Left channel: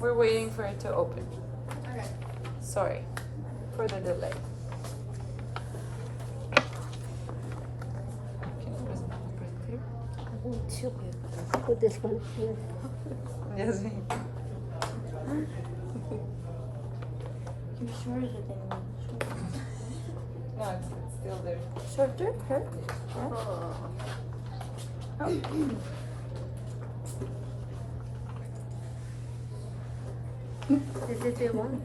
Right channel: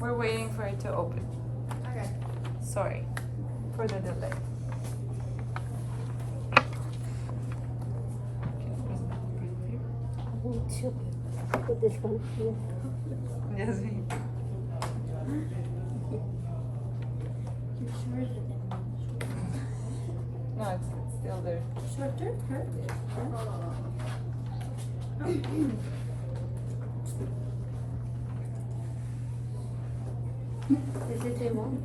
We're waiting for it to open. Okay. Sorry for the delay. Put this one in. Yes, me. You sure is it No, it's still there. shorter? Hurt? This is the one.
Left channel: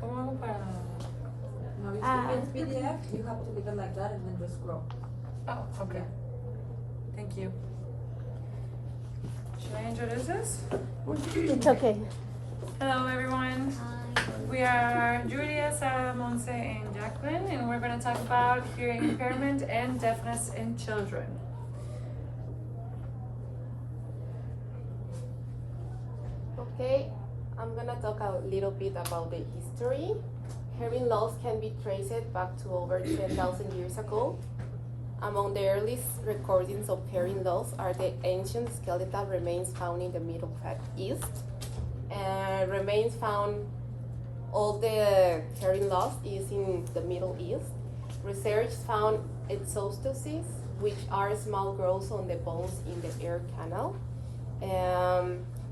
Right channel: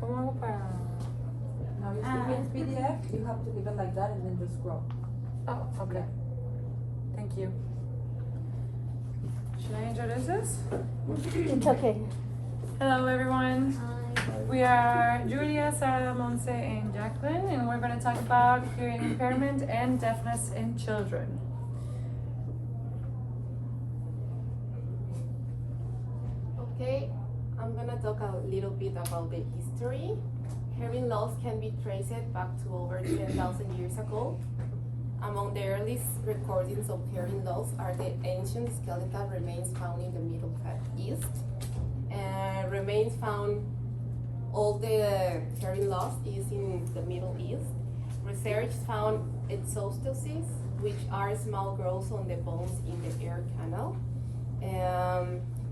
¿Cómo hago para...? Now, if it's PDF, you have to leave it like that and then just scroll. Oh, okay. Thank you. Should I introduce this? It's okay. Hello, everyone. We are Julia, Sara, Monse, and Jacqueline, and we're going to talk about hearing impairment and deafness in children. Okay, I'm gonna talk a little bit about the history. Hearing loss can be traced back to over 10,000 years ago. Among the earliest recordings of hearing loss are the ancient skeletal remains found in the Middle East. Remains found, all the hearing loss is in the Middle East. Research found exostoses, which are small growths on the bones in the ear canal.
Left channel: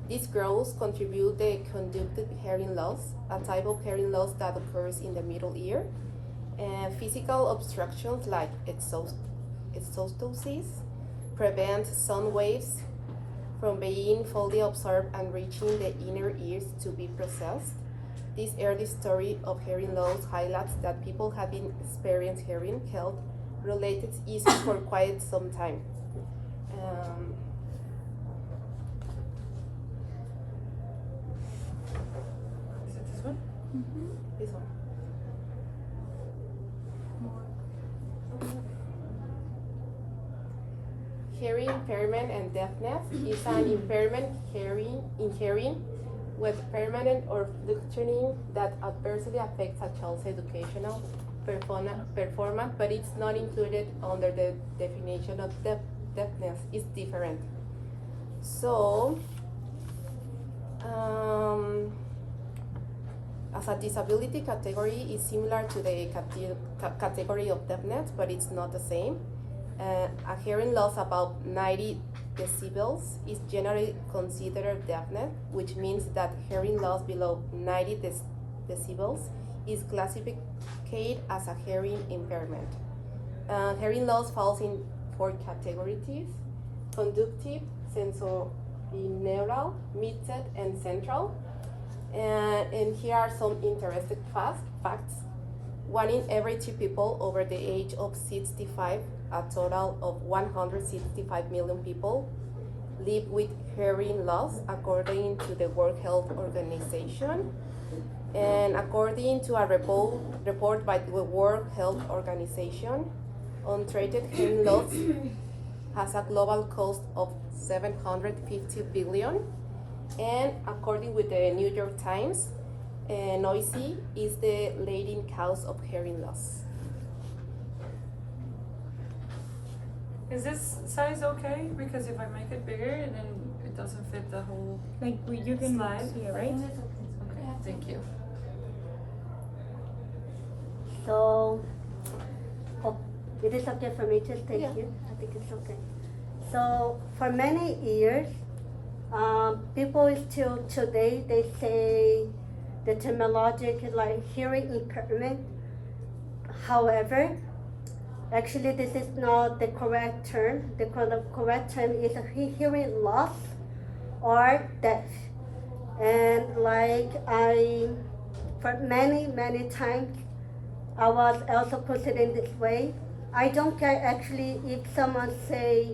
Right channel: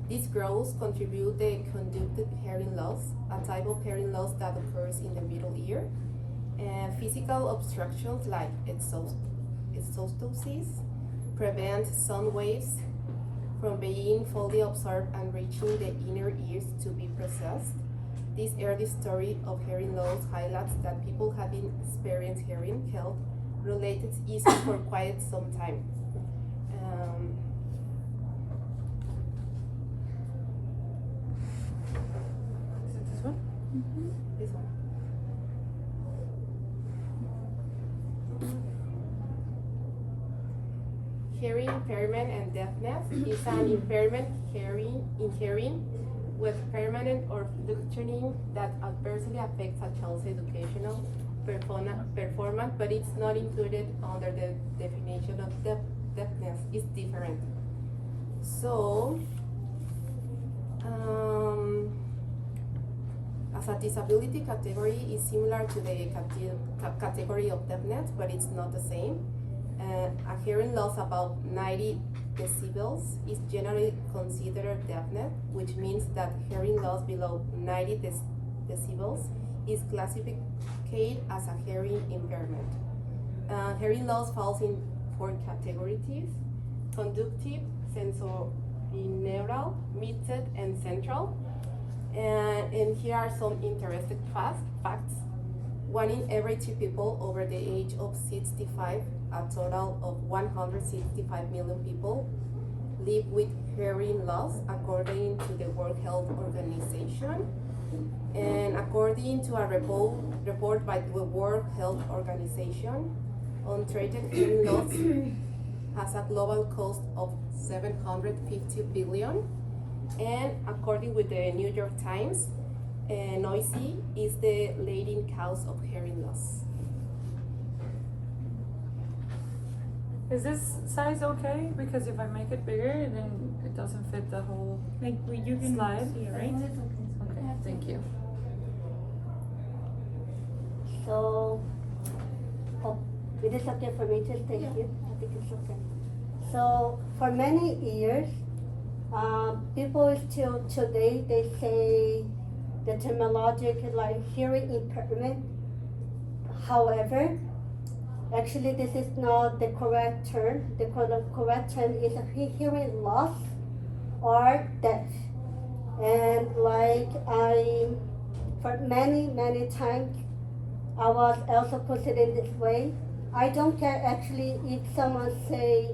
These growths contribute the conductive hearing loss, a type of hearing loss that occurs in the middle ear. Physical obstructions like exostoses prevent sound waves from being fully absorbed and reaching the inner ears to be processed. This early story of hearing loss highlights that people have been experiencing hearing health related issues for quite some time. Is it this one? This one. Hearing impairment and deafness is an impairment in hearing with permanent or fluctuating that adversely affects a child's educational performance, but it's not included under the definition of deafness. It's different. So, as a disability category is similar to the category of deafness, but it's not the same. A hearing loss above 90 decibels is generally considered deafness, which means that hearing loss below 90 decibels is classified as a hearing impairment. Hearing loss falls in 4 categories: conductive, sensorineural, mid-set, and central. And here are some interesting facts. 1 in every 2 people over the age of 65, a total of 165 million people, live with hearing loss according to the World Health Organization. And according to a report by the World Health Organization, untreated hearing loss has a global cost of 750 billion. And according with the New York Times, noisy is the leading cause of hearing loss. Is this size okay? Because if I make it bigger, then it doesn't fit the whole Like you can slide, see, right? Okay, thank you. So, it is okay for me to thank you. I think it's okay. So for many years, people still today they say the terminology like hearing impairment. However, actually this is not the correct term. The correct term is a hearing loss or deaf. And like for many times, I was also considered this way. I don't care actually if someone say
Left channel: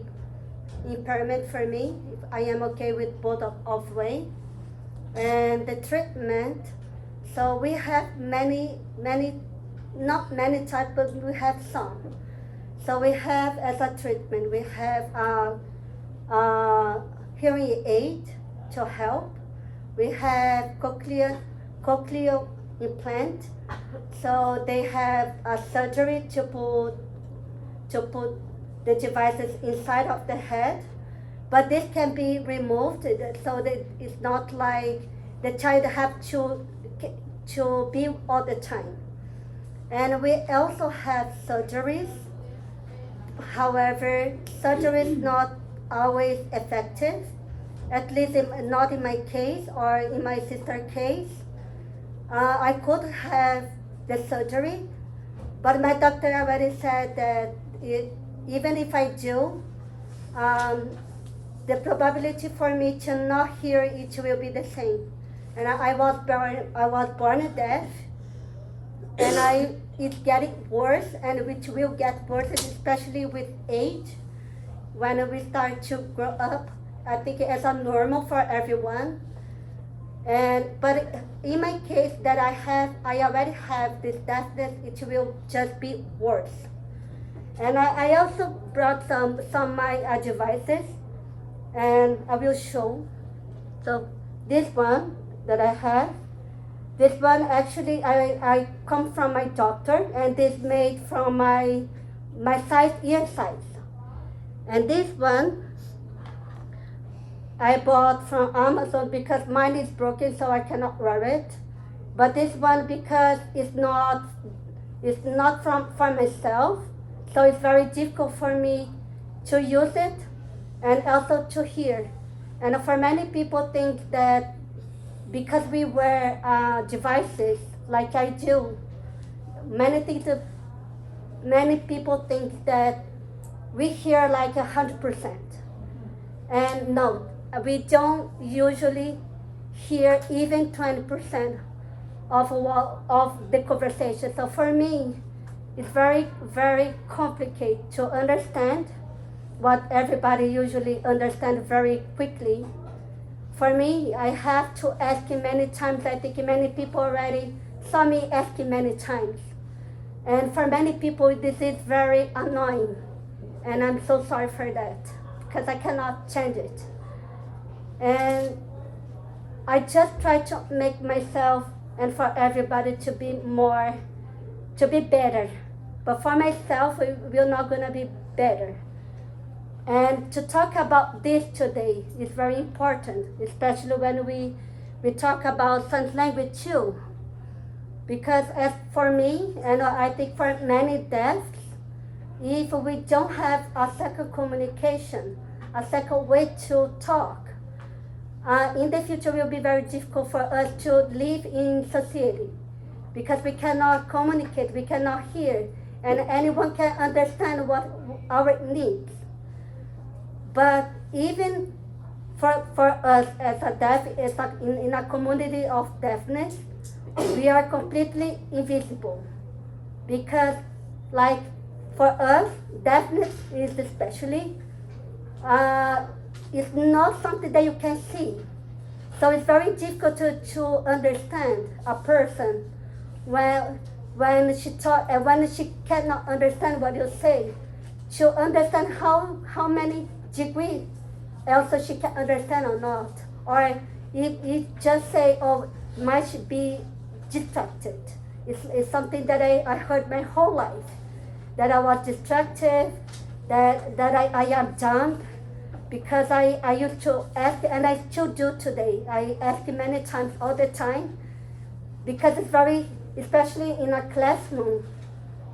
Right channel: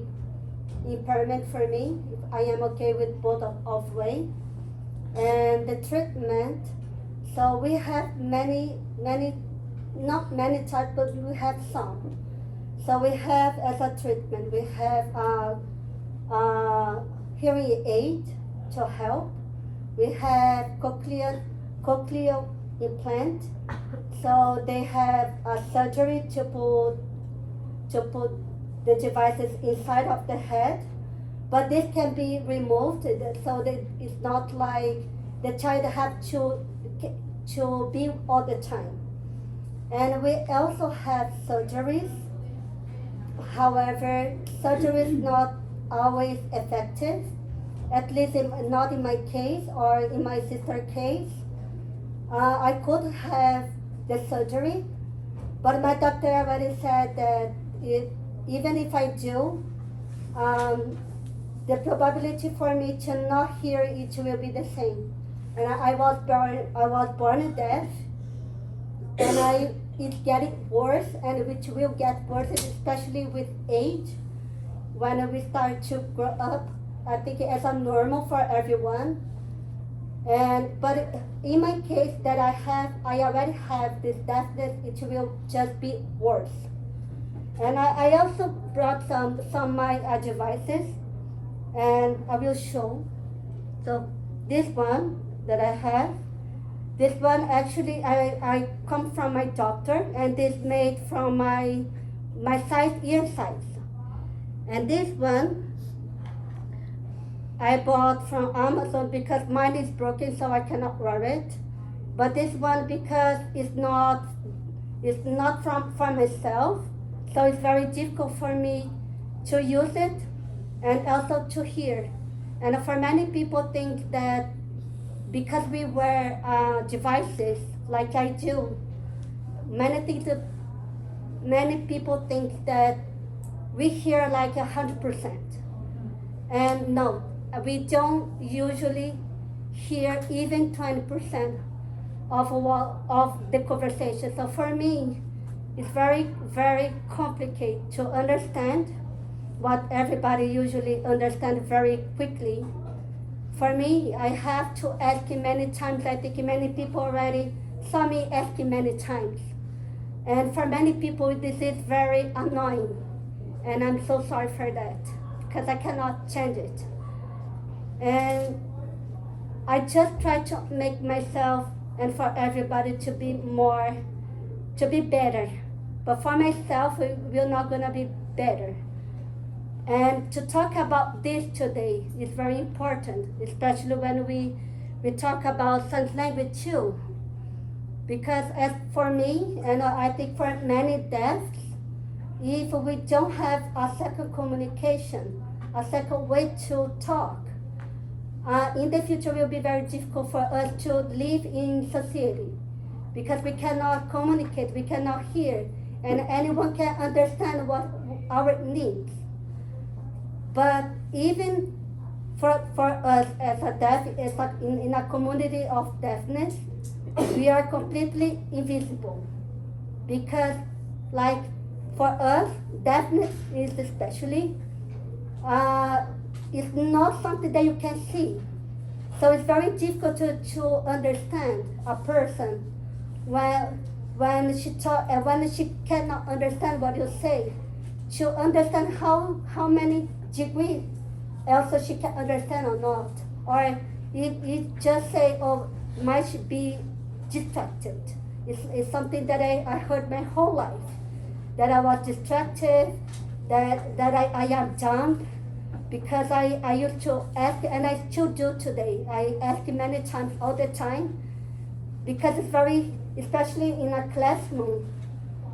impairment for me. If I am okay with both of way. And the treatment. So we have not many types, but we have some. So we have as a treatment, we have hearing aid to help. We have cochlear implant. So they have a surgery to put the devices inside of the head. but this can be removed so that it's not like the child have to be all the time. And we also have surgeries. However, surgery is not always effective, at least not in my case or in my sister's case. I could have the surgery, but my doctor already said that even if I do, the probability for me to not hear it will be the same. And I was born deaf, and it's getting worse, and which will get worse, especially with age. When we start to grow up, I think it's normal for everyone. But in my case that I already have this deafness, it will just be worse. And I also brought some of my devices, and I will show. So this one that I have, this one actually I come from my doctor, and this made from my ear size. And this one I bought from Amazon because mine is broken, so I cannot wear it. But this one, because it's not from myself, so it's very difficult for me to use it and also to hear. And for many people think that because we wear devices like I do, many people think that we hear like 100%. And no, we don't usually hear even 20% of the conversation. So for me, it's very, very complicated to understand what everybody usually understands very quickly. For me, I have to ask many times. I think many people already saw me asking many times. And for many people, this is very annoying. And I'm so sorry for that, because I cannot change it. And I just try to make myself and for everybody to be better. But for myself, we're not gonna be better. And to talk about this today is very important, especially when we talk about sign language too. Because as for me, and I think for many deaf, if we don't have a second communication, a second way to talk, in the future it will be very difficult for us to live in society, because we cannot communicate, we cannot hear, and anyone can understand what our needs. But even for us as a deaf, in a community of deafness, we are completely invisible, because like for us, deafness is especially, it's not something that you can see. So it's very difficult to understand a person when she cannot understand what you say, to understand how many degrees also she can understand or not. Or it just say, oh, might be distracted. It's something that I heard my whole life, that I was distracted, that I am dumb, because I used to ask, and I still do today. I ask many times all the time, because it's very, especially in a classroom,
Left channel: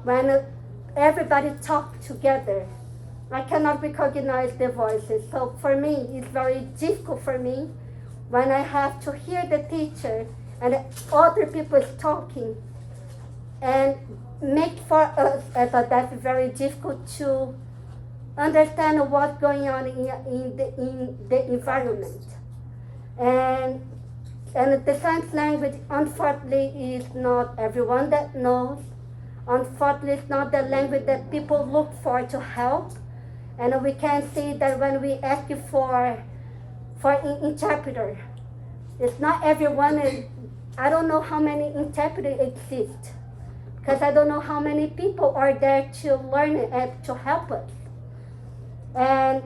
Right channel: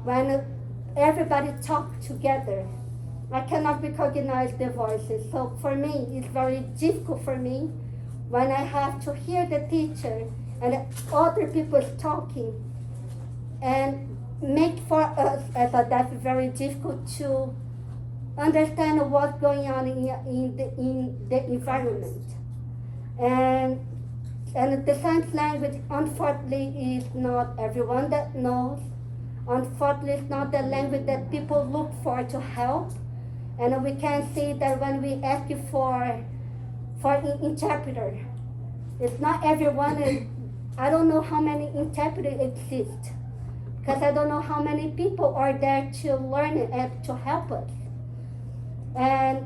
when everybody talks together, I cannot recognize their voices. So for me, it's very difficult for me when I have to hear the teacher and other people is talking, and make for us as a deaf very difficult to understand what's going on in the environment. And the sign language, unfortunately, is not everyone that knows. Unfortunately, it's not the language that people look for to help. And we can see that when we ask you for an interpreter, it's not everyone, and I don't know how many interpreters exist, because I don't know how many people are there to learn it and to help us. And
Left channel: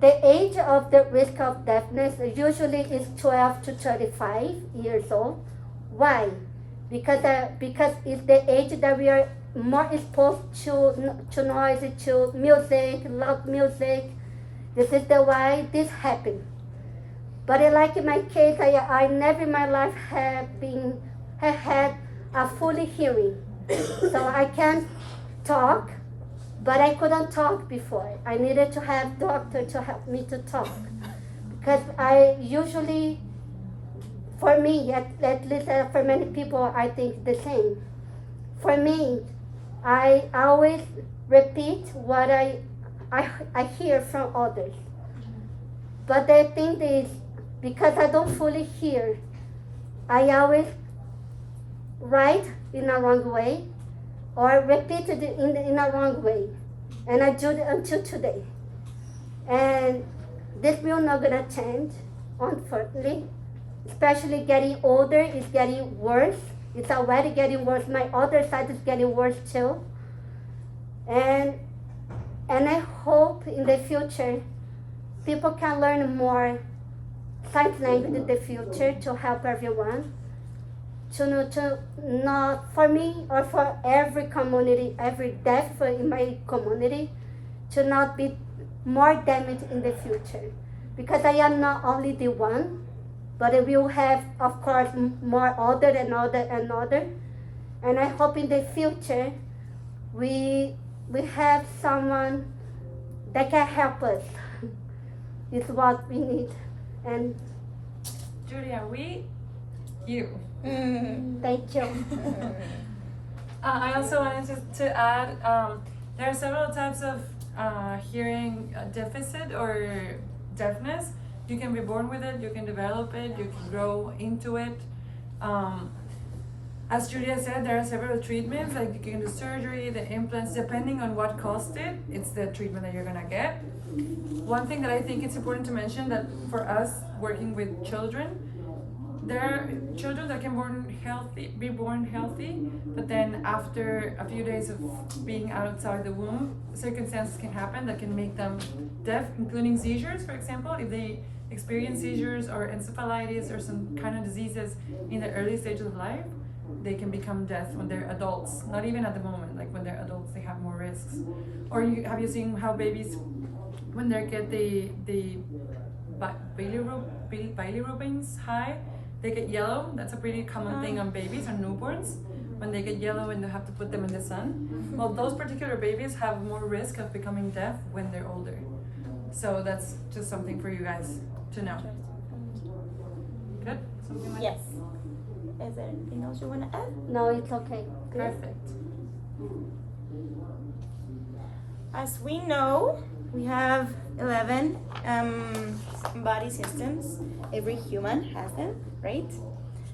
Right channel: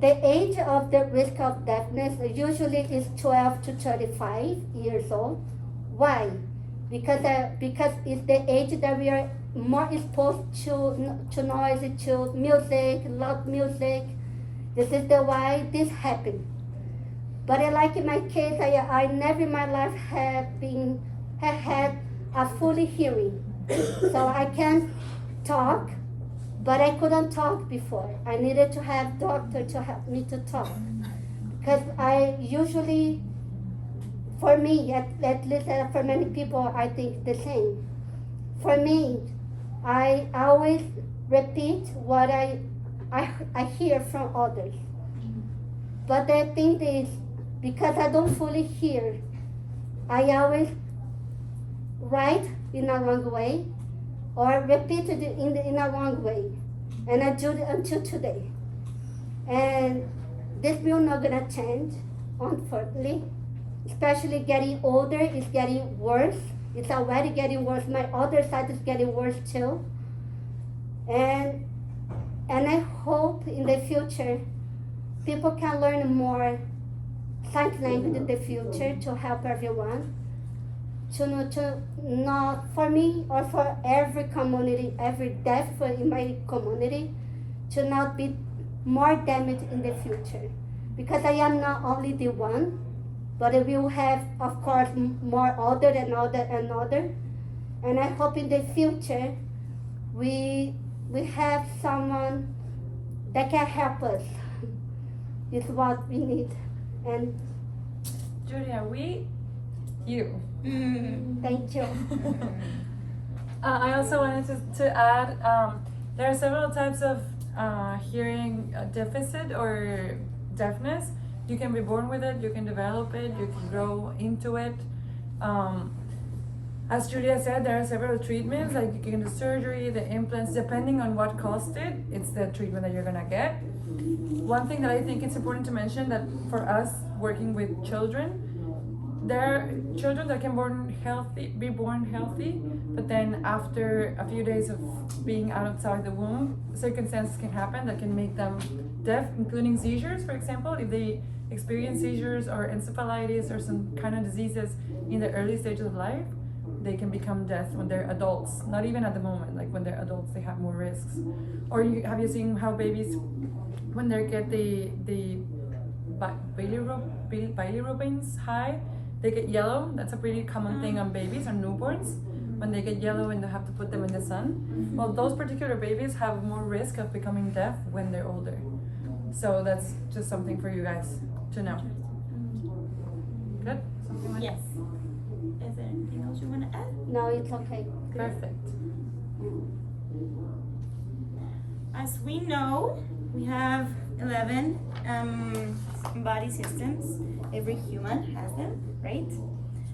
the age of the risk of deafness usually is 12 to 35 years old. Why? Because it's the age that we are more exposed to noise, to music, loud music, This is the why this happened. But like in my case, I never in my life have had a fully hearing. So I can talk, but I couldn't talk before. I needed to have doctor to help me to talk. Because I usually, for me, at least for many people, I think the same. For me, I always repeat what I hear from others. But the thing is, because I don't fully hear, I always write in a wrong way or repeat it in a wrong way. And I do it until today. And this will not gonna change, unfortunately. Especially getting older, it's getting worse. It's already getting worse. My other side is getting worse too. And I hope in the future people can learn more sign language in the future to help everyone. To not for me or for every community, every deaf in my community, to not be more damaged in the future. Because I am not only the one, but we will have, of course, more other and other and other. And I hope in the future we have someone that can help us. It's what we need. And Julia, you. thank you. I also wanted to add, there are several types of hearing deficit or deafness. You can be born with it, you can develop it, you can grow into it. As Julia said, there are several treatments, like you can do surgery, the implants, depending on what caused it, it's the treatment that you're gonna get. One thing that I think it's important to mention, that for us working with children, there are children that can be born healthy, but then after a few days of being outside the womb, circumstances can happen that can make them deaf, including seizures, for example. If they experience seizures or encephalitis or some kind of diseases in the early stages of life, they can become deaf when they're adults. Not even at the moment, like when they're adults, they have more risks. Or have you seen how babies, when they get the bilirubins high, they get yellow? That's a pretty common thing on babies, on newborns. When they get yellow and they have to put them in the sun. Well, those particular babies have more risk of becoming deaf when they're older. So that's just something for you guys to know. Good? Something like Yes. Is there anything else you want to add? No, it's okay. Perfect. As we know, we have 11 body systems. Every human has them, right?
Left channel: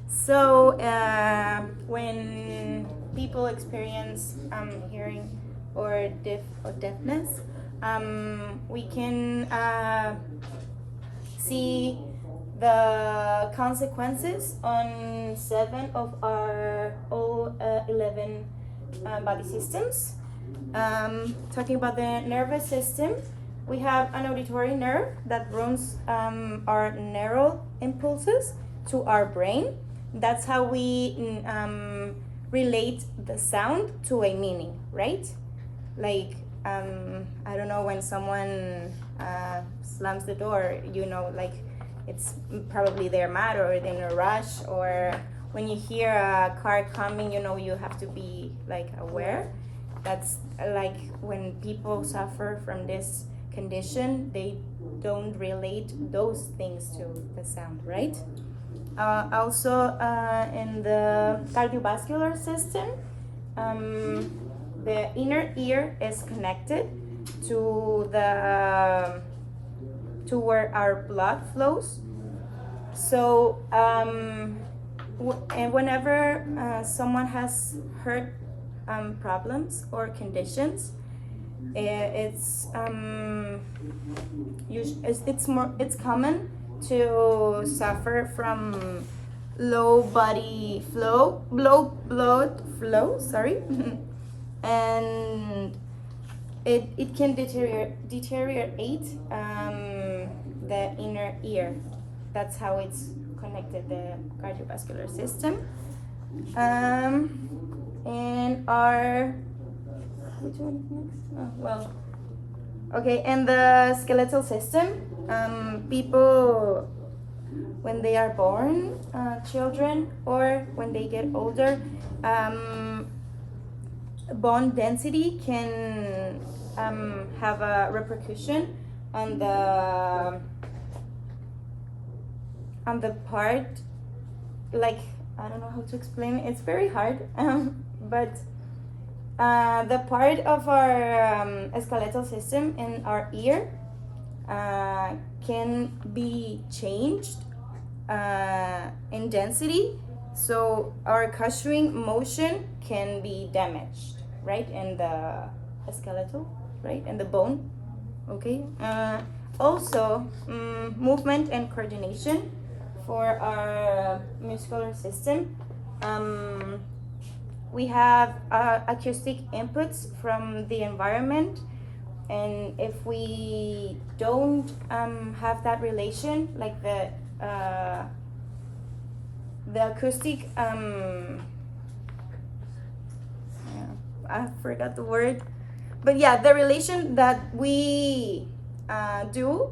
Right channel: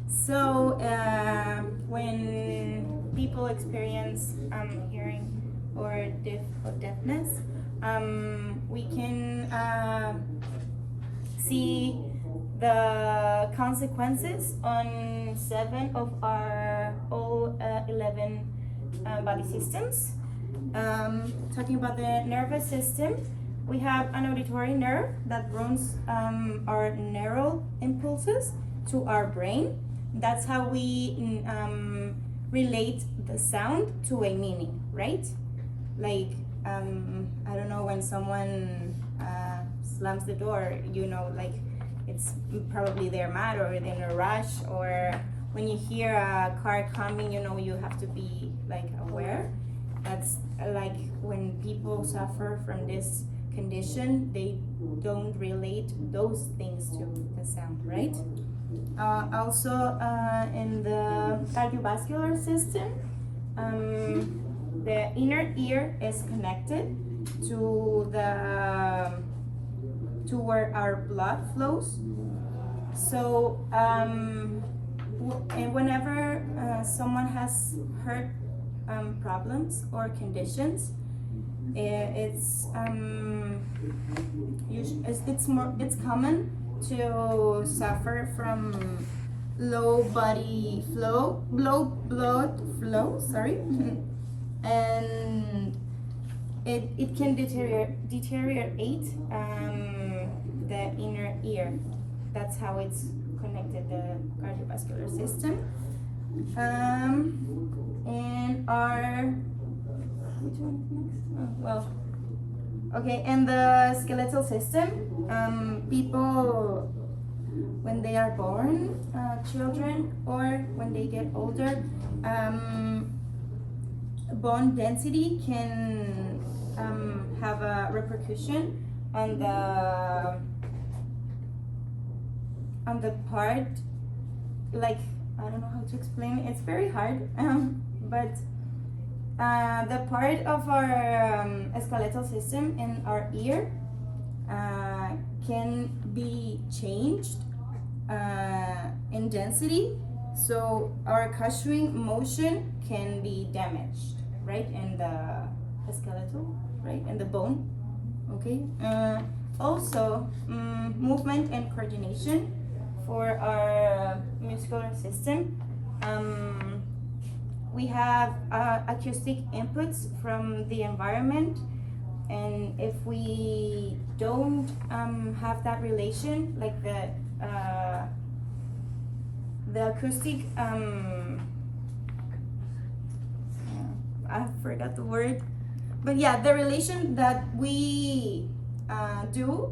So when people experience hearing or deafness, we can see the consequences on 7 of our all 11 body systems. Talking about the nervous system, we have an auditory nerve that runs our neural impulses to our brain. That's how we relate the sound to a meaning, right? Like, I don't know, when someone slams the door, you know, like it's probably they're mad or they're in a rush, or when you hear a car coming, you know, you have to be like aware. That's like when people suffer from this condition, they don't relate those things to the sound, right? Also, in the cardiovascular system, the inner ear is connected to where our blood flows. So, and whenever someone has heart problems or conditions, it's common to suffer from low blood flow. Sorry, and it can deteriorate the inner ear. That's how it's connected, the cardiovascular system. And our, which one is next? Oh, well, Okay, and the skeletal system, people when they are born, children, or when they get older, bone density can have a repercussion on the part, like, I don't know how to explain it. It's very hard, but the part of our skeletal system in our ear can be changed in density, so our cushioning motion can be damaged, right, in the skeletal, right, in the bone. Okay. Also, movement and coordination for our muscular system. We have acoustic inputs from the environment, and if we don't have that relation, like the acoustic, I forgot the word, but yeah, the relation that we do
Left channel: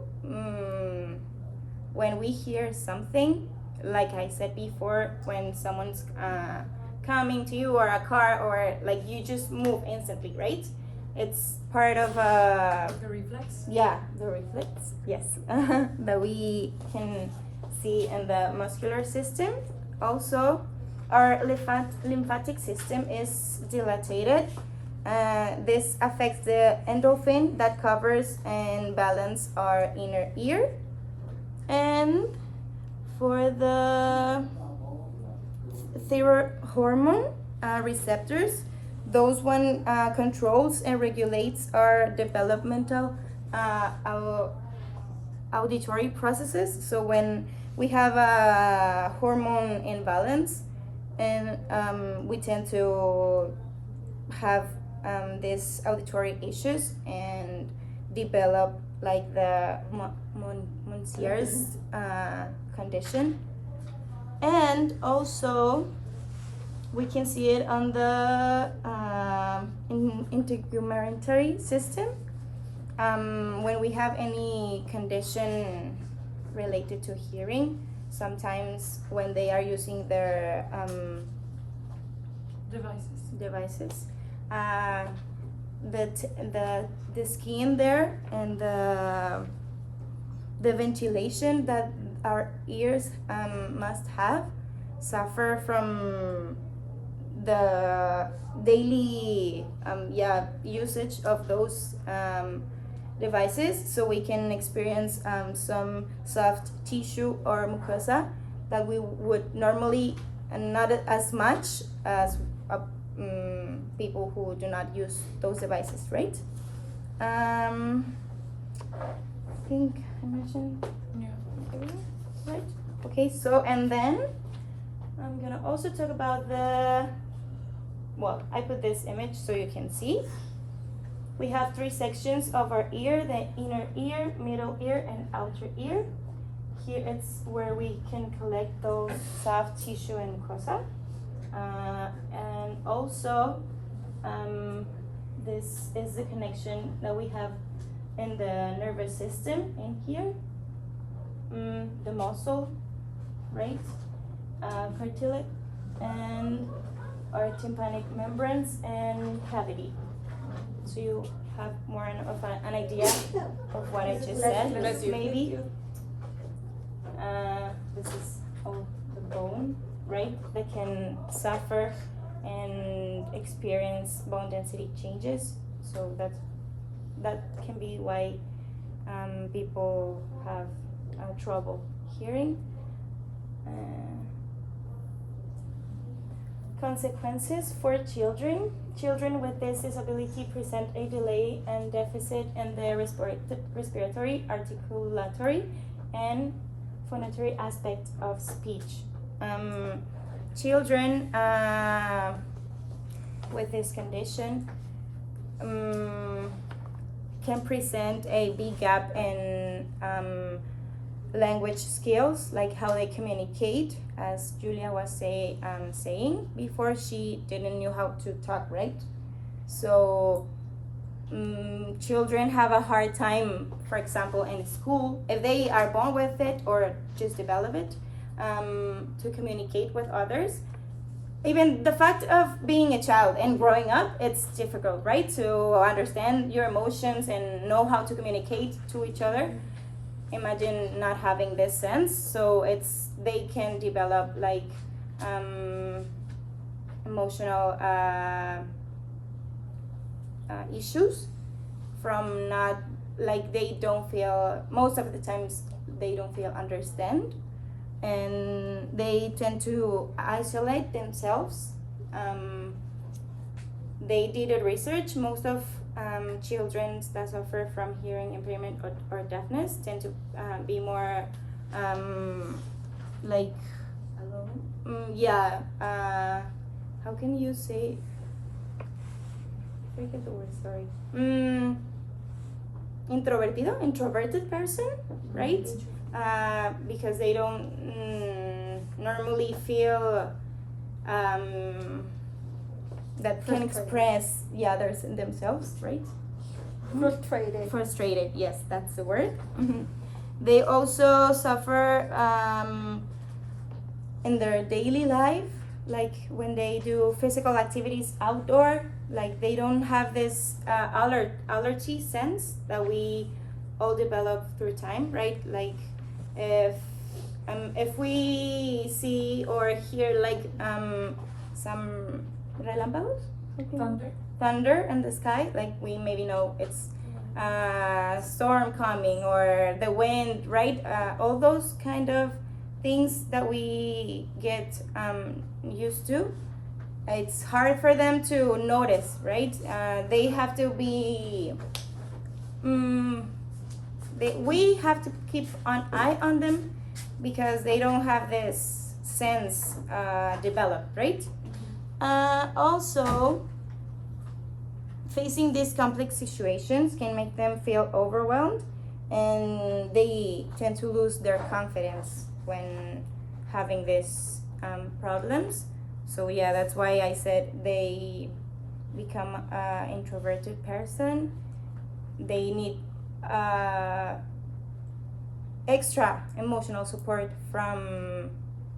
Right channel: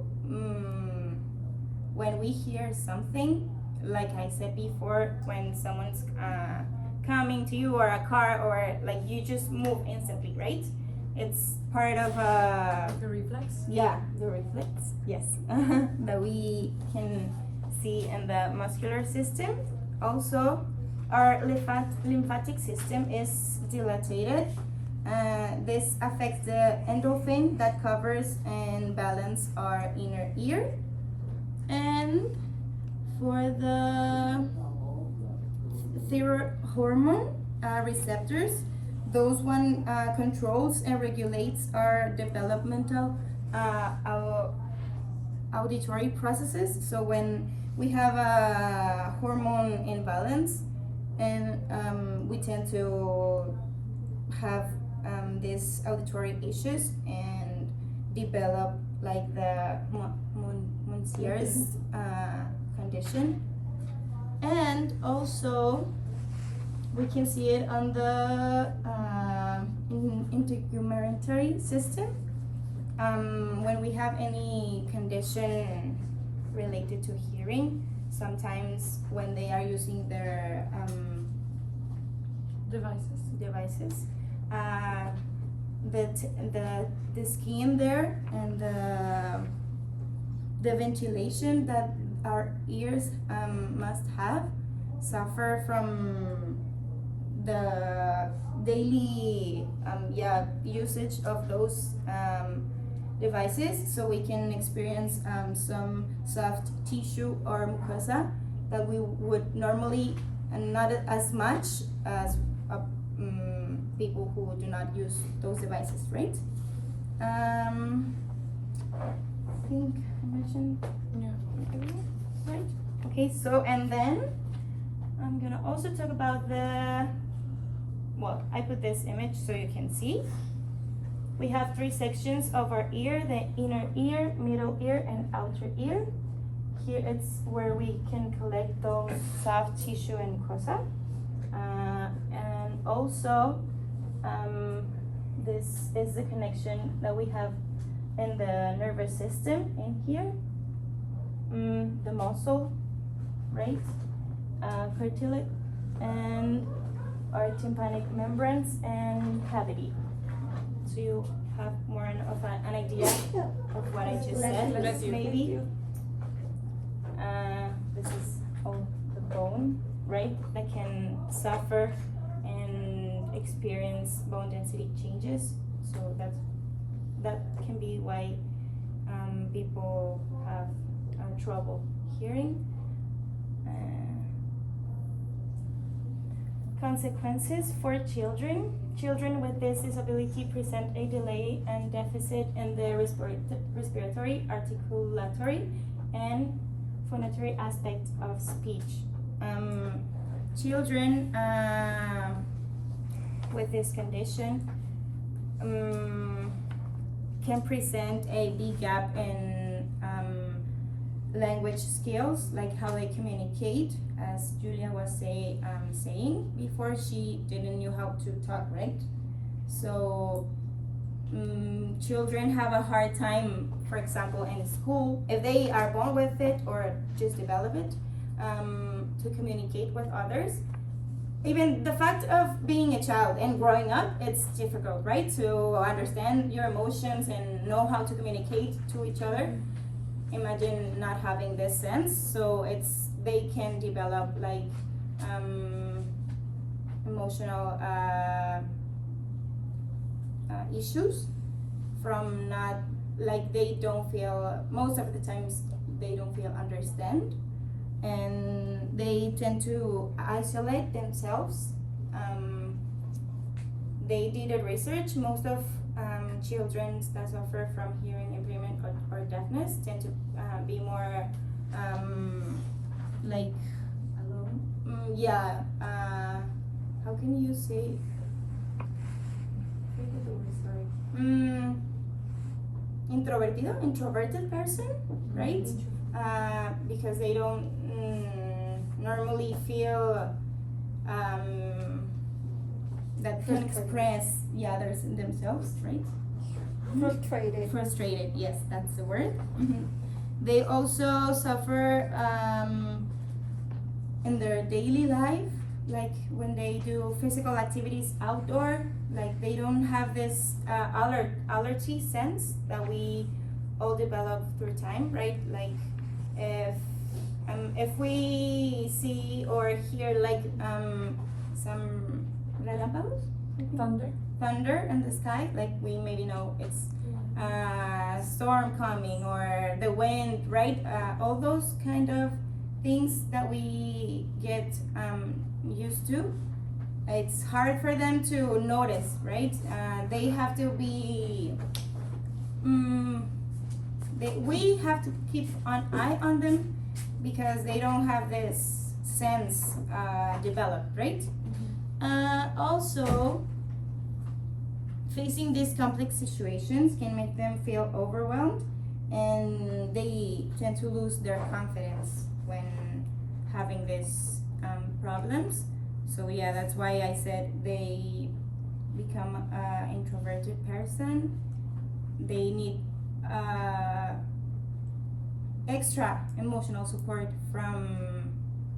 when we hear something, like I said before, when someone's coming to you, or a car, or like you just move instantly, right? It's part of The reflex. yeah, the reflex, yes, that we can see in the muscular system. Also, our lymphatic system is dilated. This affects the endorphin that covers and balances our inner ear. And for the thyroid hormone receptors, those one controls and regulates our developmental auditory processes. So when we have a hormone imbalance, and we tend to have these auditory issues and develop like the Monse's condition. And also we can see it on the integumentary system. When we have any condition related to hearing, sometimes when they are using their devices, the skin there and the ventilation that our ears must have suffer from the daily usage of those devices, so we can experience some soft tissue or mucosa that we would normally, and not as much as people who do not use those devices, right? I think I mentioned everything, right? Okay, so and then I'm gonna also talk about I put this image so you can see. We have 3 sections of our ear: the inner ear, middle ear, and outer ear. Here it's where we can collect those soft tissue and mucosa. And also, this is the connection that we have in the nervous system in here. The muscle, right? Cartilage, and our tympanic membranes and cavity. So you have more of an idea of what I just said, maybe. This is all the bone, right, that can suffer and experience bone density changes. So that can be why people have trouble hearing. Consequences for children. Children with this disability present a delay and deficit in the respiratory, articulatory, and phonatory aspect of speech. Children with this condition can present a big gap in language skills, like how they communicate, as Julia was saying before. She didn't know how to talk, right? So children have a hard time, for example, in school, if they are born with it or just develop it, to communicate with others. Even the fact of being a child and growing up, it's difficult, right? To understand your emotions and know how to communicate to each other. Imagine not having this sense, so they can develop like emotional issues from not, like, they don't feel, most of the times they don't feel understand, and they tend to isolate themselves. They did a research, most of children that suffer from hearing impairment or deafness tend to be more like Alone. how can you say, I forget the word, sorry. Introverted person, right? Because they don't normally feel that can express the others in themselves, right? Frustrated, yes, that's the word. They also suffer in their daily life, like when they do physical activities outdoor, like they don't have this allergy sense that we all develop through time, right? Like if we see or hear like some relámpagos, thunder in the sky, like we maybe know it's storm coming or the wind, right? All those kind of things that we get used to, it's hard for them to notice, right? They have to be we have to keep an eye on them because they don't have this sense developed, right? Also, facing these complex situations can make them feel overwhelmed, and they tend to lose their confidence when having these problems. So yeah, that's why I said they become an introverted person. They need extra emotional support from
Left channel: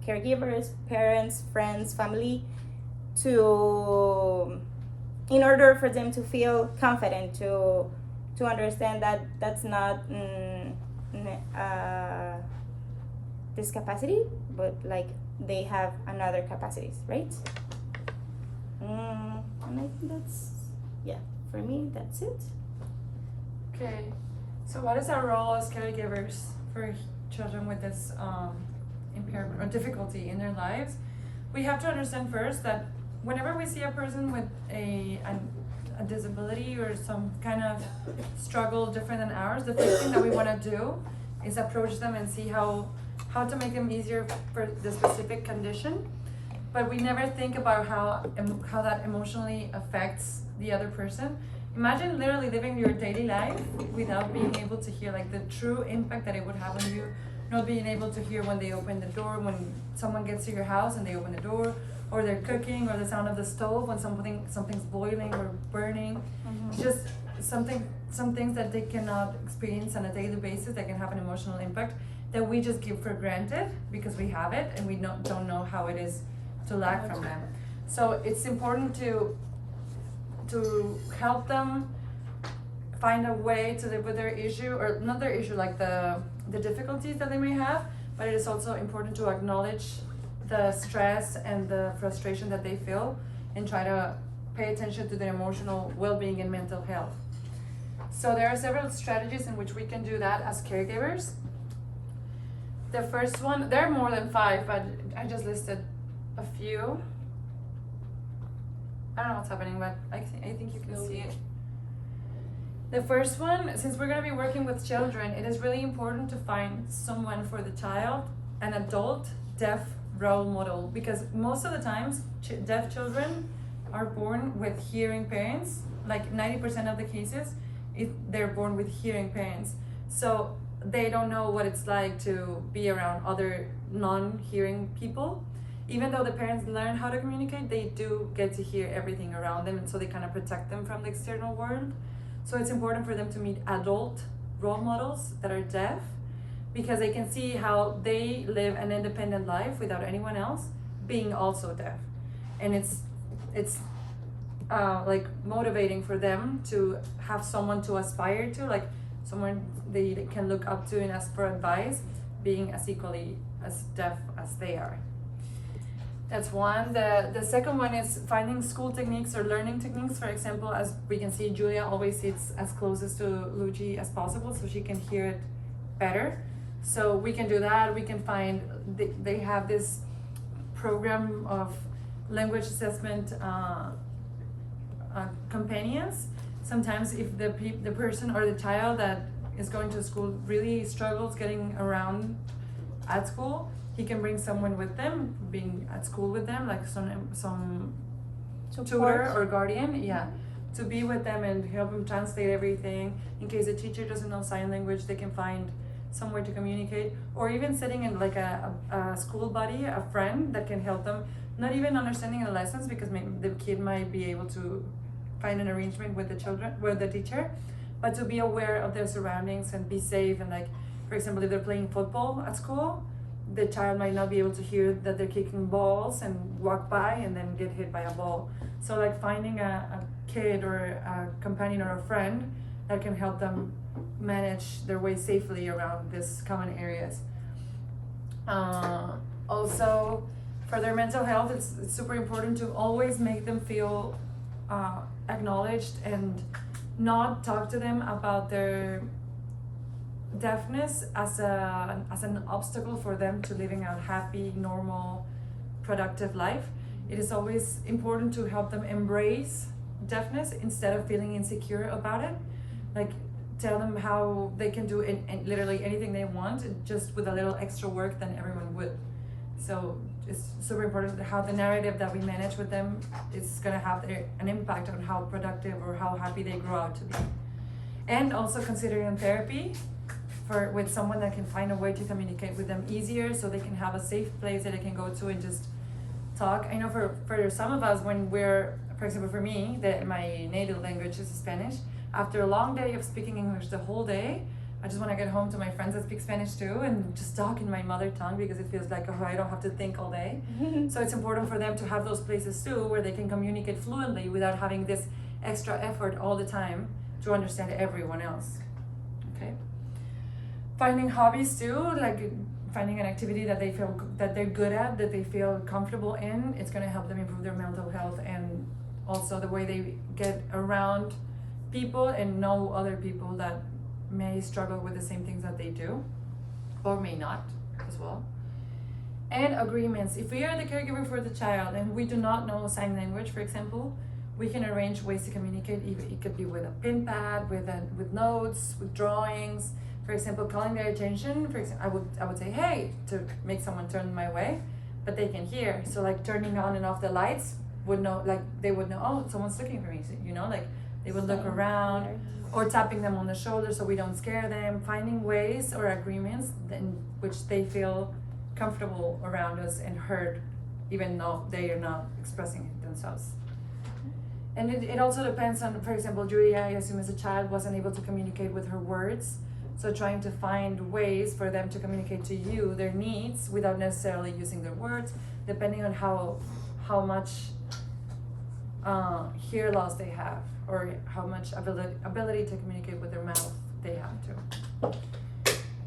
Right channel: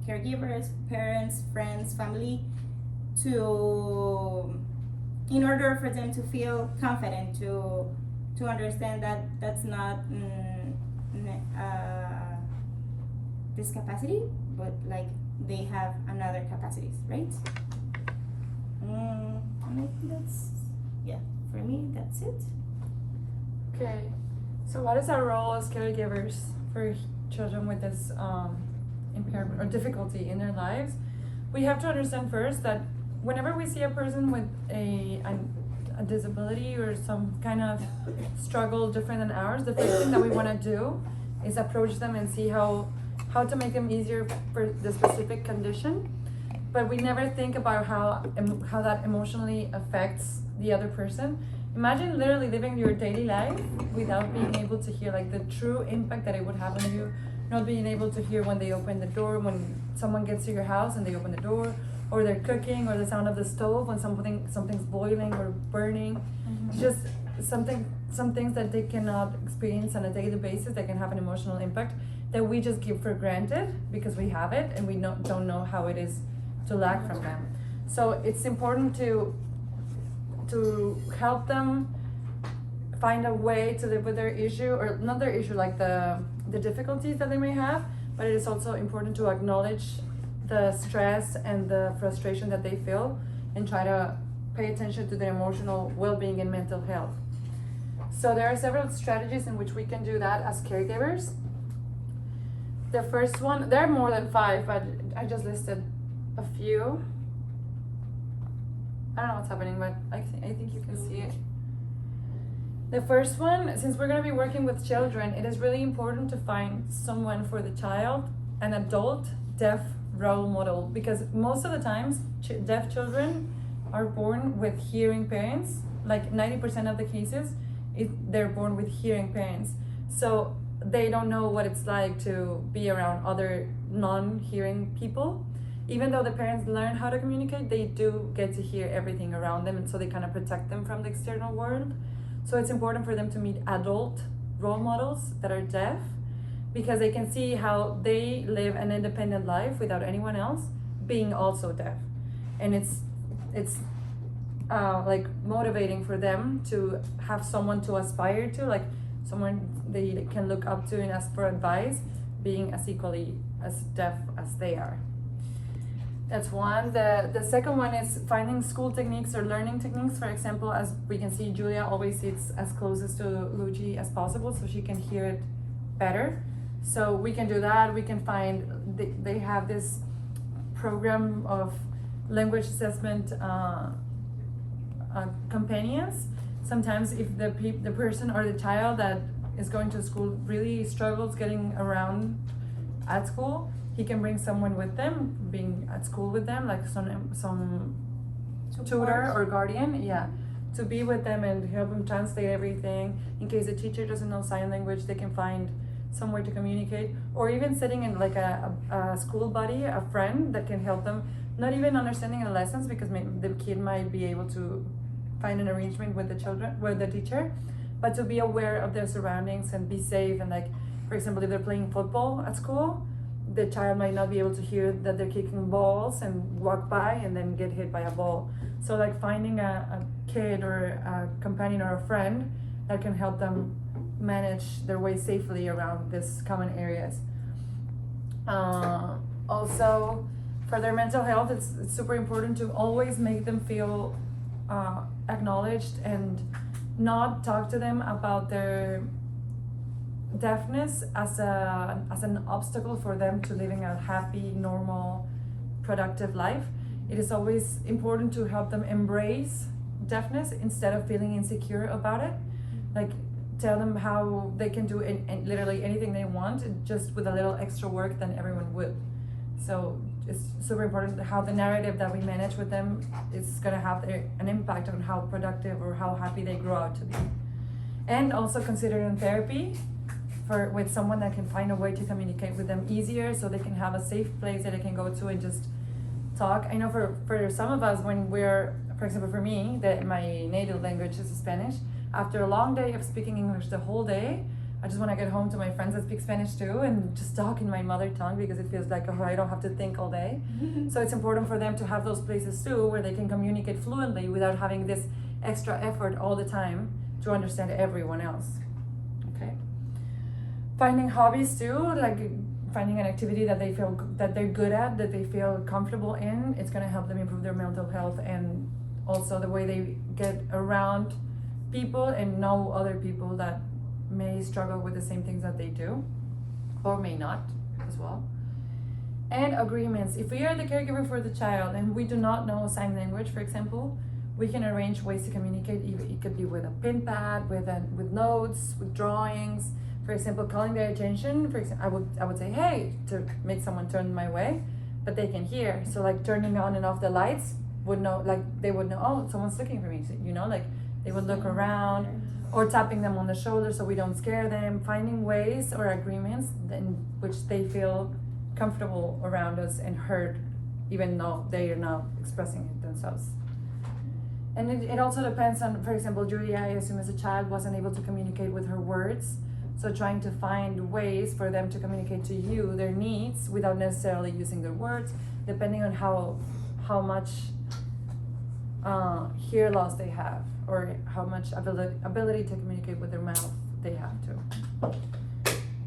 caregivers, parents, friends, family, in order for them to feel confident, to understand that that's not discapacity, but like they have another capacities, right? And I think that's, yeah, for me that's it. Okay, so what is our role as caregivers for children with this impairment or difficulty in their lives? We have to understand first that whenever we see a person with a disability or some kind of struggle different than ours, the first thing that we want to do is approach them and see how to make them easier for the specific condition. But we never think about how that emotionally affects the other person. Imagine literally living your daily life without being able to hear, like the true impact that it would have on you, not being able to hear when they open the door, when someone gets to your house and they open the door, or they're cooking, or the sound of the stove when something's boiling or burning. Just some things that they cannot experience on a daily basis that can have an emotional impact that we just give for granted because we have it and we don't know how it is to lack from them. So it's important to help them find a way to live with their issue, or not their issue, like the difficulties that they may have, but it is also important to acknowledge the stress and the frustration that they feel and try to pay attention to their emotional well-being and mental health. So there are several strategies in which we can do that as caregivers. The first one, there are more than 5, but I just listed a few. I don't know what's happening, but I think you can see it. The first one, since we're going to be working with children, it is really important to find someone for the child, an adult deaf role model, because most of the times deaf children are born with hearing parents. Like 90% of the cases, they're born with hearing parents. So they don't know what it's like to be around other non-hearing people. Even though the parents learn how to communicate, they do get to hear everything around them, and so they kind of protect them from the external world. So it's important for them to meet adult role models that are deaf, because they can see how they live an independent life without anyone else being also deaf. And it's like motivating for them to have someone to aspire to, like someone they can look up to and ask for advice, being as equally as deaf as they are. That's one. The second one is finding school techniques or learning techniques. For example, as we can see, Julia always sits as closest to Luigi as possible so she can hear it better. So we can do that. We can find, they have this program of language assessment companions. Sometimes if the person or the child that is going to school really struggles getting around at school, he can bring someone with them, being at school with them, like some tutor or guardian, to be with them and help them translate everything. In case the teacher doesn't know sign language, they can find somewhere to communicate, or even sitting in like a school buddy, a friend that can help them, not even understanding the lessons, because maybe the kid might be able to find an arrangement with the teacher, but to be aware of their surroundings and be safe. And like, for example, if they're playing football at school, the child might not be able to hear that they're kicking balls and walk by and then get hit by a ball. So like finding a kid or a companion or a friend that can help them manage their way safely around these common areas. Also, for their mental health, it's super important to always make them feel acknowledged and not talk to them about their deafness as an obstacle for them to living a happy, normal, productive life. It is always important to help them embrace deafness instead of feeling insecure about it. Like, tell them how they can do literally anything they want, just with a little extra work than everyone would. So it's super important how the narrative that we manage with them is going to have an impact on how productive or how happy they grow out to be. And also considering therapy with someone that can find a way to communicate with them easier, so they can have a safe place that they can go to and just talk. I know for some of us, when we're, for example, for me, my native language is Spanish. After a long day of speaking English the whole day, I just want to get home to my friends that speak Spanish too and just talk in my mother tongue, because it feels like, oh, I don't have to think all day. So it's important for them to have those places too where they can communicate fluently without having this extra effort all the time to understand everyone else. Okay. Finding hobbies too, like finding an activity that they feel that they're good at, that they feel comfortable in. It's going to help them improve their mental health and also the way they get around people and know other people that may struggle with the same things that they do, or may not as well. And agreements. If we are the caregiver for the child and we do not know sign language, for example, we can arrange ways to communicate. It could be with a pin pad, with notes, with drawings. For example, calling their attention. For example, I would say, hey, to make someone turn my way, but they can hear. So like turning on and off the lights would know, like they would know, oh, someone's looking for me. So, you know, like they would look around, or tapping them on the shoulder so we don't scare them. Finding ways or agreements in which they feel comfortable around us and heard, even though they are not expressing it themselves. And it also depends on, for example, Julia, I assume as a child, wasn't able to communicate with her words. So trying to find ways for them to communicate to you their needs without necessarily using their words, depending on how much hear loss they have, or how much ability to communicate with their mouth they have to.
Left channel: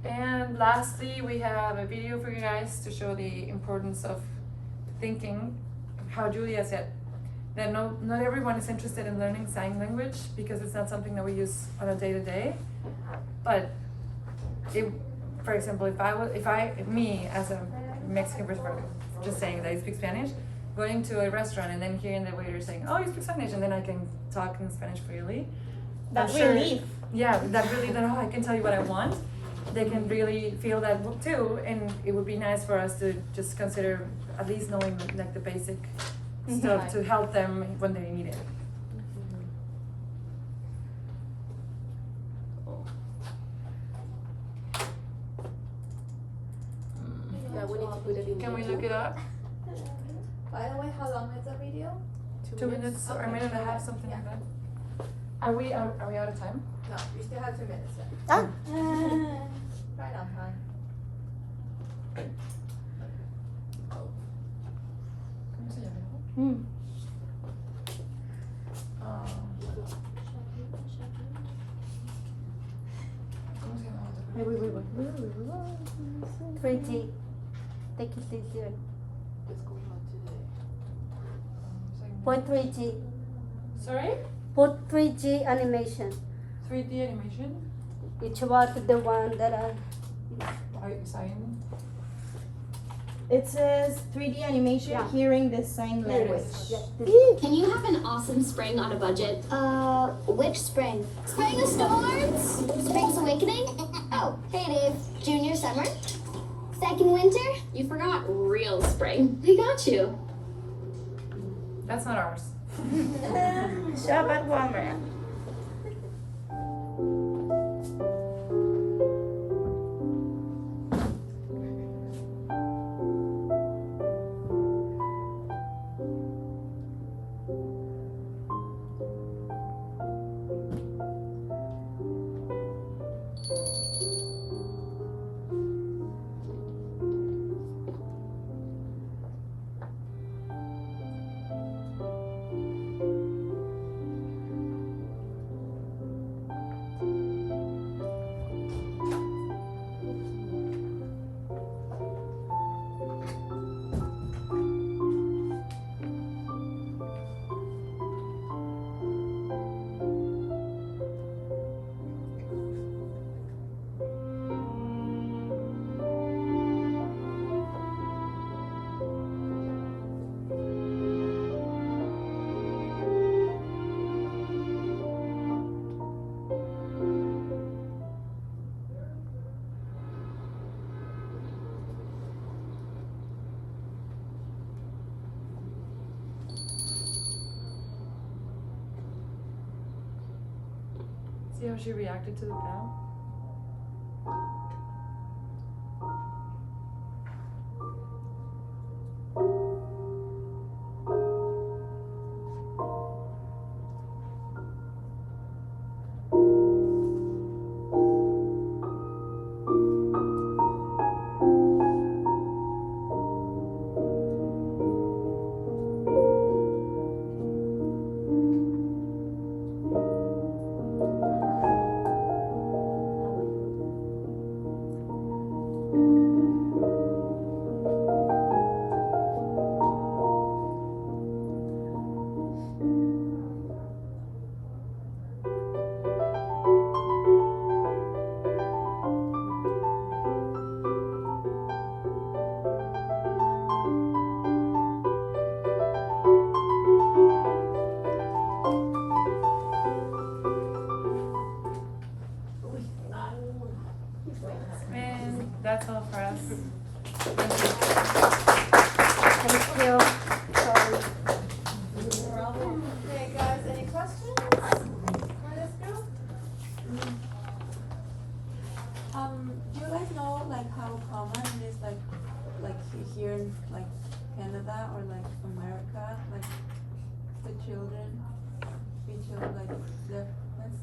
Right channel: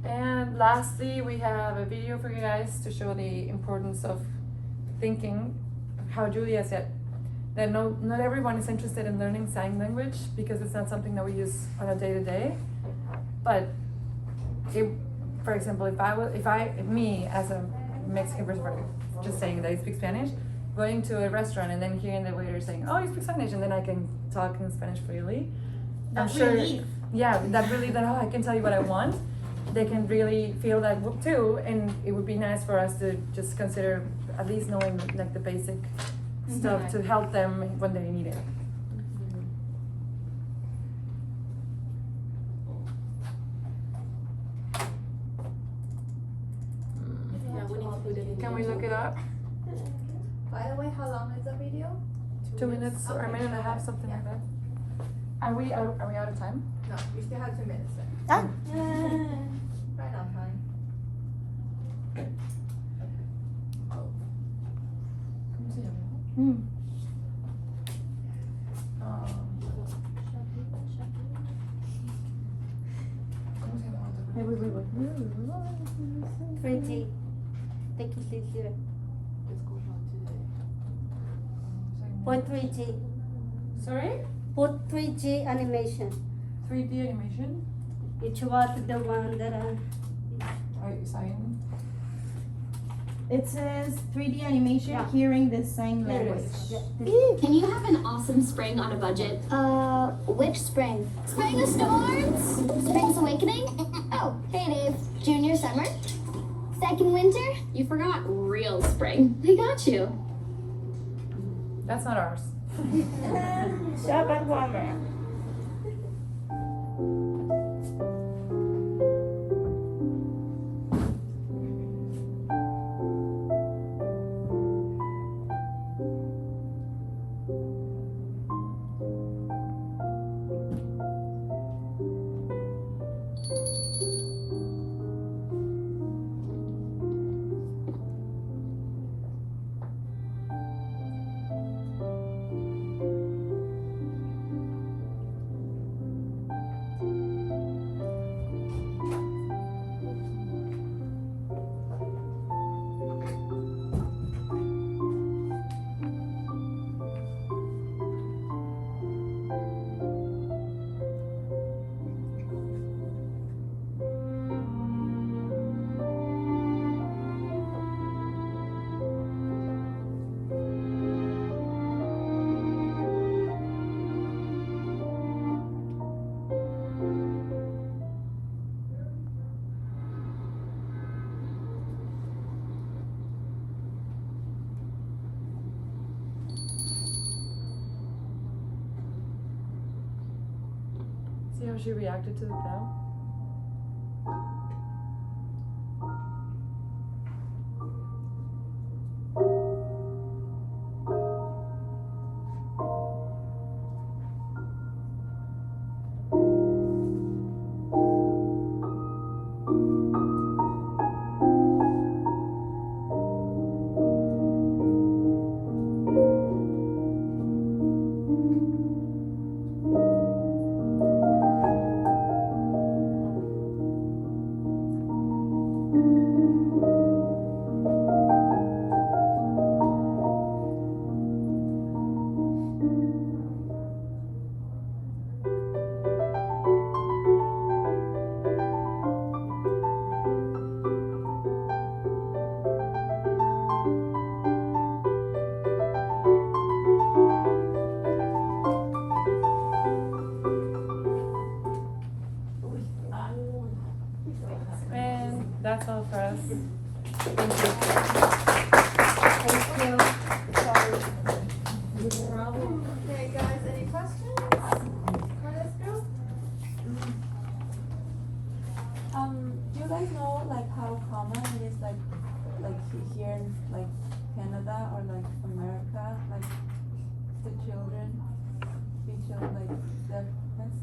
And lastly, we have a video for you guys to show the importance of thinking, how Julia said, that not everyone is interested in learning sign language because it's not something that we use on a day-to-day. But for example, if me as a Mexican person, just saying that I speak Spanish, going to a restaurant and then hearing the waiter saying, oh, you speak Spanish, and then I can talk in Spanish freely. That relief. Yeah, that really, then I can tell you what I want. They can really feel that too, and it would be nice for us to just consider at least knowing like the basic stuff to help them when they need it. Yeah, we need to do the video. Can we look it up? By the way, how long is the video? 2 minutes or a minute and a half, something like that. Are we out of time? No, we still have 2 minutes left. Ah. Right on time. ¿Cómo se llama? Mm. ¿Cómo se llama? Pretty. Take it easier. What's going on today? Put 3G. Sorry? Put 3G animation. 3D animation? It was the one that Sign. It says 3D animation, Yeah. hearing the sign language. Can you have an awesome spring on a budget? Which spring? Spring of Storms? Spring's Awakening? Oh, hey Dave. Junior Summer? Second Winter? You forgot real spring. We got you. That's not ours. Shop at Walmart. See how she reacted to the bell? And that's all for us. Thank you. Thank you. Okay, guys, any questions for this group? Do you guys know like how common it is like here in like Canada or like America, like the children be children like deafness?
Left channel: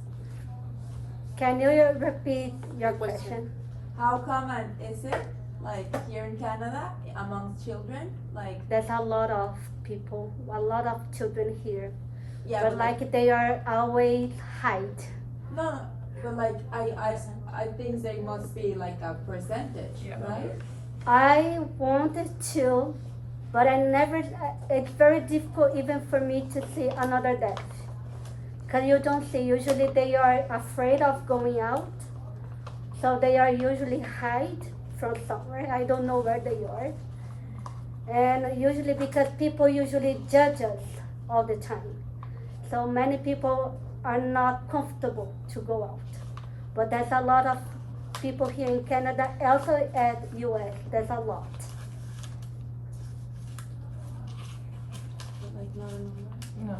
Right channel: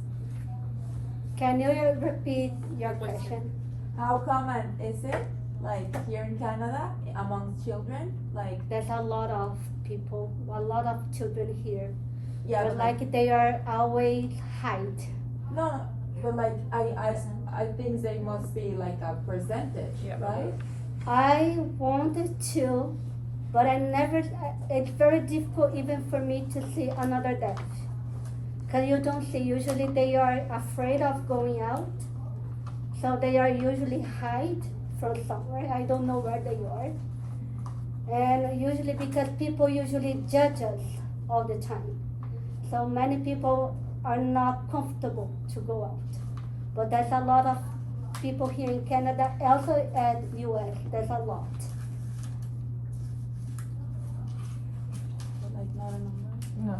Can you repeat your question? How common is it like here in Canada among children? Like There's a lot of people, a lot of children here. yeah, but like they are always hide. no, but like I think they must be like a percentage, Yeah. right? I wanted to, but I never, it's very difficult even for me to see another deaf. Cause you don't see, usually they are afraid of going out. So they are usually hide from somewhere, I don't know where they are. And usually because people usually judge us all the time. So many people are not comfortable to go out. But there's a lot of people here in Canada, also at US, there's a lot. But like not a number. No.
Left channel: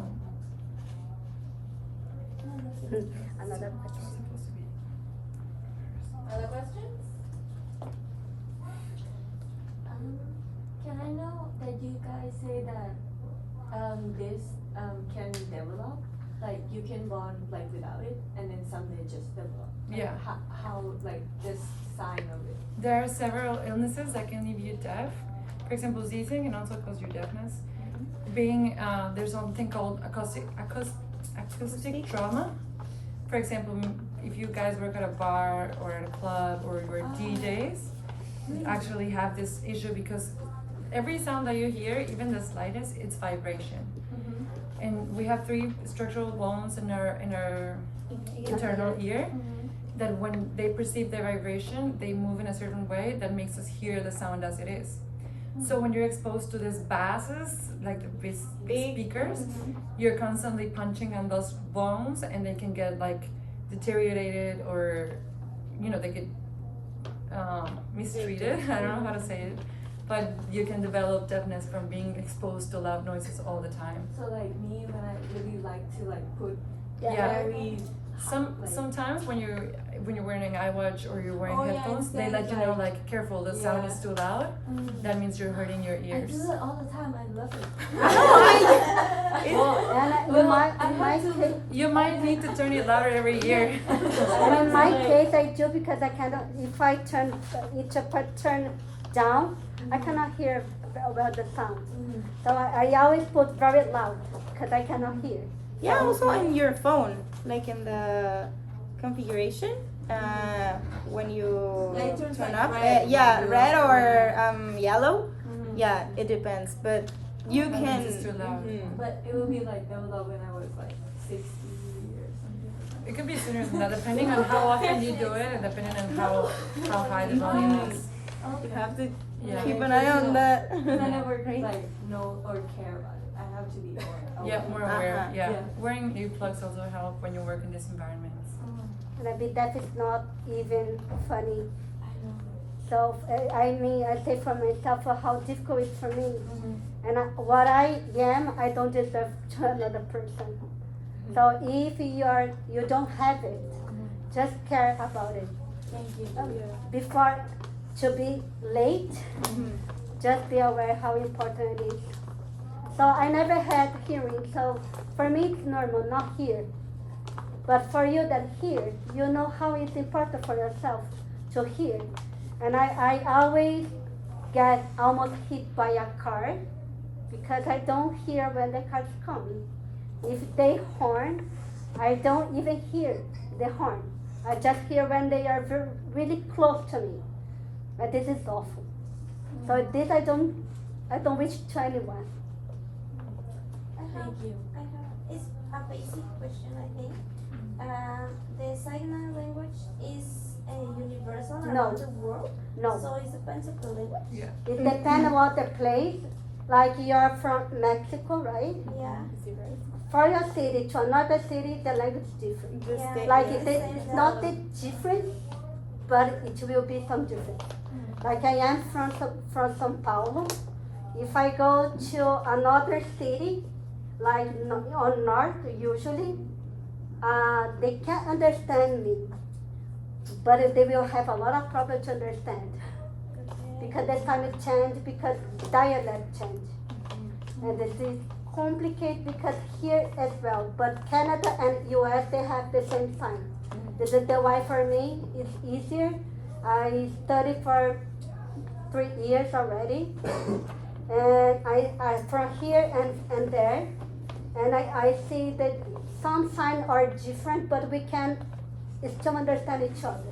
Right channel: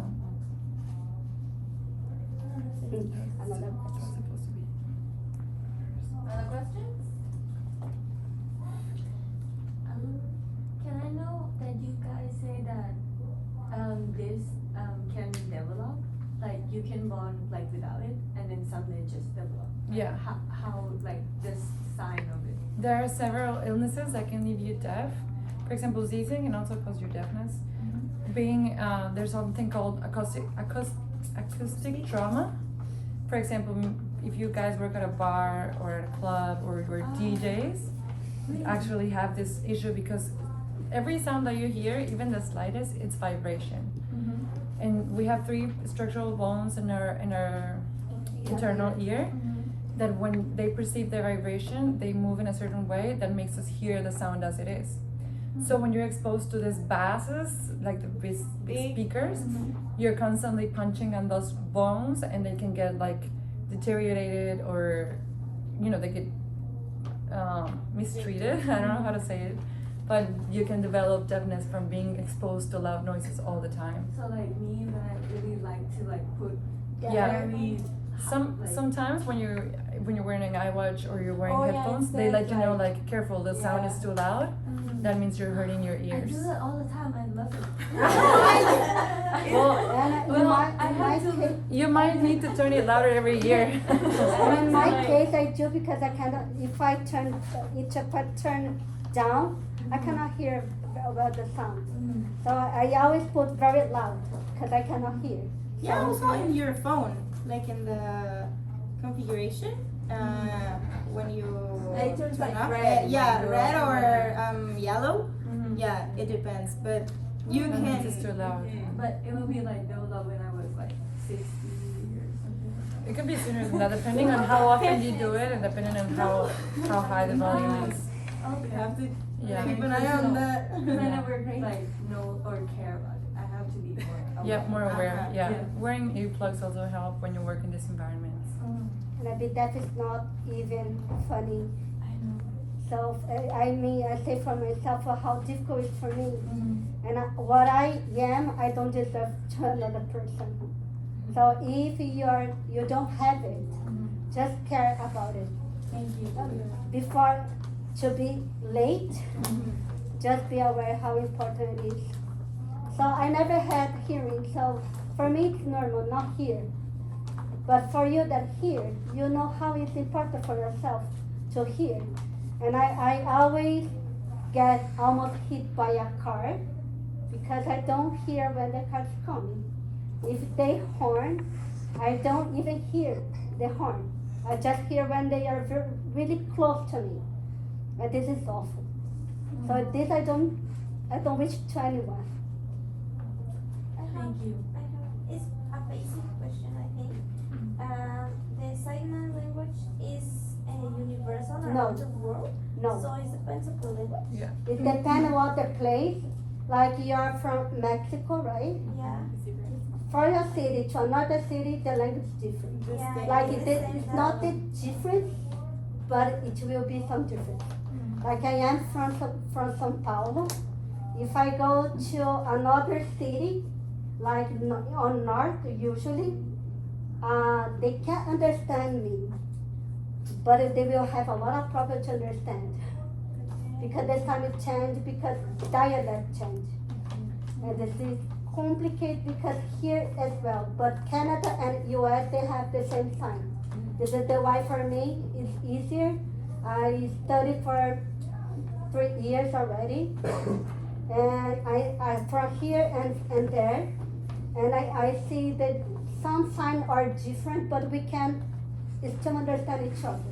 Another question. Other questions? Can I know that you guys say that this can develop? Like you can bond like with Yeah. How like this sign of it. There are several illnesses that can leave you deaf. For example, sneezing can also cause you deafness. Being there's something called acoustic trauma. For example, if you guys work at a bar or at a club or you're DJs, you actually have this issue because every sound that you hear, even the slightest, it's vibration. And we have 3 structural bones in our internal ear that when they perceive the vibration, they move in a certain way that makes us hear the sound as it is. So when you're exposed to these basses, like the big speakers, you're constantly punching on those bones and they can get like deteriorated or, you know, they get mistreated. I don't know how to say it. But you can develop deafness from being exposed to loud noises all the time. So like me, when I really like to like put Yeah. very Sometimes when you're wearing an iWatch or you're wearing Oh, yeah, headphones, they instead let you know like- like careful, the sound is too loud. That means you're hurting your I ears. do that all the time. I love it. Well, And you might need to turn it louder every year. in my case, I do because I cannot. If I turn each part turn down, I cannot hear about the sound. So I always put very loud because I cannot hear. Yeah, also in your phone, like in the configuration, when you Like it turns turn like up, red, yeah, like red or the- yellow. Yeah, it depends, but you That can. means it's too loud. But it will be like that was when I was like 60 or something. It could be sooner than that, depending on how often you do it and depending on how high the volume is. You have to Yeah. keep an eye on that. I never like know or care about it. I have to be aware. Yeah, more aware. Uh-huh. Yeah. Yeah. Wearing earplugs also help when you work in these environments. Maybe that is not even funny. I know. So I mean, I say for myself how difficult it's for me, and what I am, I don't deserve to another person. So if you don't have it, just care about it. Thank you. Before to be late, just be aware how important it is. So I never had hearing, so for me it's normal, not hear. But for you that hear, you know how it's important for yourself to hear. And I always get almost hit by a car because I don't hear when the cars come. If they horn, I don't even hear the horn. I just hear when they are really close to me. But this is awful. So this I don't wish to anyone. Thank you. It's a basic question, I think. The sign language is universal No. around the world, No. so it depends on the language. It depends on the place. Like you're from Mexico, right? Yeah. For a city to another city, the language is different. Yeah, Like yes, it's not the different, but it will be some difference. Like I am from São Paulo. If I go to another city, like on north usually, they can't understand me, but they will have a lot of problem to understand because the time change, because dialect change, and this is complicated because here as well. But Canada and US they have the same sign. This is the why for me it's easier. I studied for 3 years already, and I from here and there, and I see that some signs are different, but we can still understand each other.